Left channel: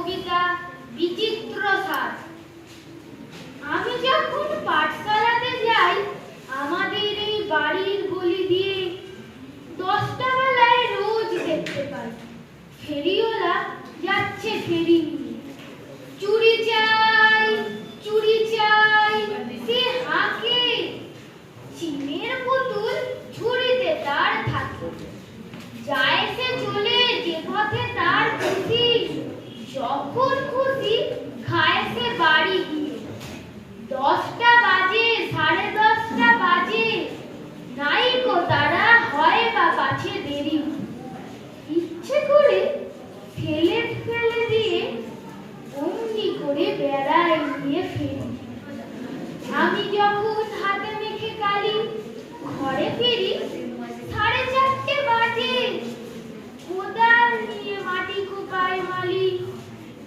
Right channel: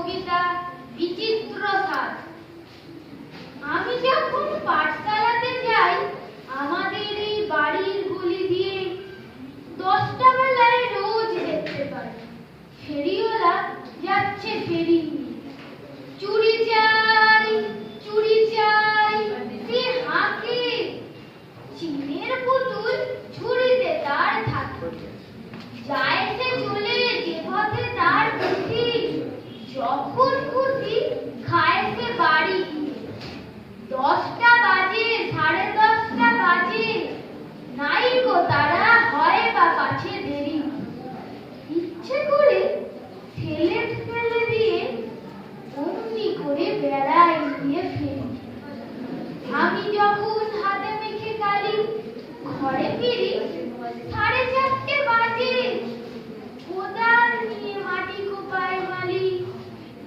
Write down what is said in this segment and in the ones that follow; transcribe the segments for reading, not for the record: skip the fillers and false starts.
কবিতা বিচিত্র স্বাদ। আমি যখন পাঠশালাতে যাই, আমাদের এই বাড়ির গলি দিয়ে 10টা বেলায় রোজ দেখতে পাই ফেরিওয়ালা যাচ্ছে ফেরি নিয়ে। চুড়ি চাই, চুড়ি চাই, সে হাঁকে। চিনের পুতুল ঝুড়িতে তার থাকে, যায় সে চলে যে পথে তার খুশি। যখন খুশি খায় সে বাড়ি গিয়ে। 10টা বাজে, 10:30টা বাজে, নাই গো তারা হয় বা পাছে দেরি। ইচ্ছে করে ফেলে ফেলে দিয়ে অমনি করে বেড়ায় নিয়ে ফেরি। আমি যখন হাতে মেখে কালি ঘরে ফিরি 4:30 বাজে। কোদাল নিয়ে মাটি কোপায় মালি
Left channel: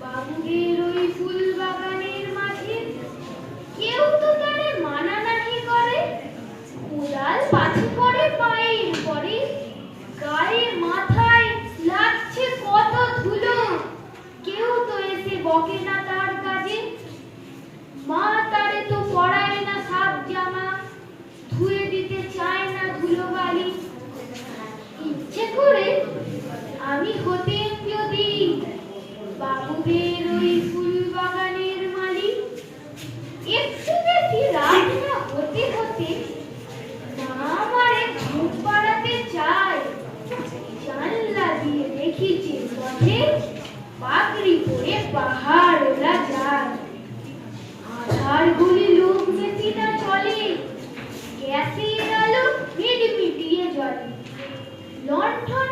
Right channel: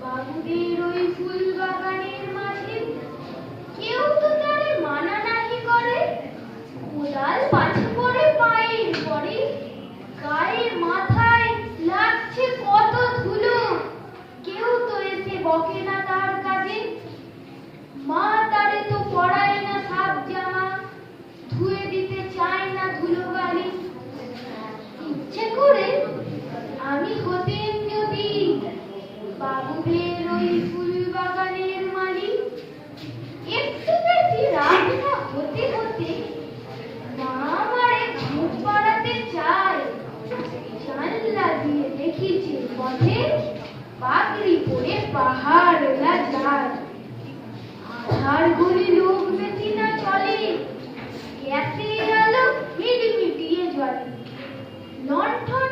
বাবুদের ওই ফুল বাগানের মাঝে। কেউ তো তারে মানা নাহি করে, কোদাল পাছে পড়ে পায়ের পরে। গায়ে মাথায় লাগছে কত ধুলো, কেউ তো এসে বকে না তার কাজে। মা তারে তো পরায় না সাপ জামা, ধুয়ে দিতে চায় না ধুলো বালি। ইচ্ছে করে আমি হতেন যদি বাবুদের ওই ফুল বাগানের মালিক। একটু বেশি রাত না হতে হতে মা আমারে ঘুম পাড়াতে চায়। জানলা দিয়ে দেখি যে পথে পাগড়ি পরে পাহাড়েরা যায়। আধার গলি লোক বেশি না চলে, গ্যাসের আলো মিটমিটিয়ে জ্বলে। লণ্ঠন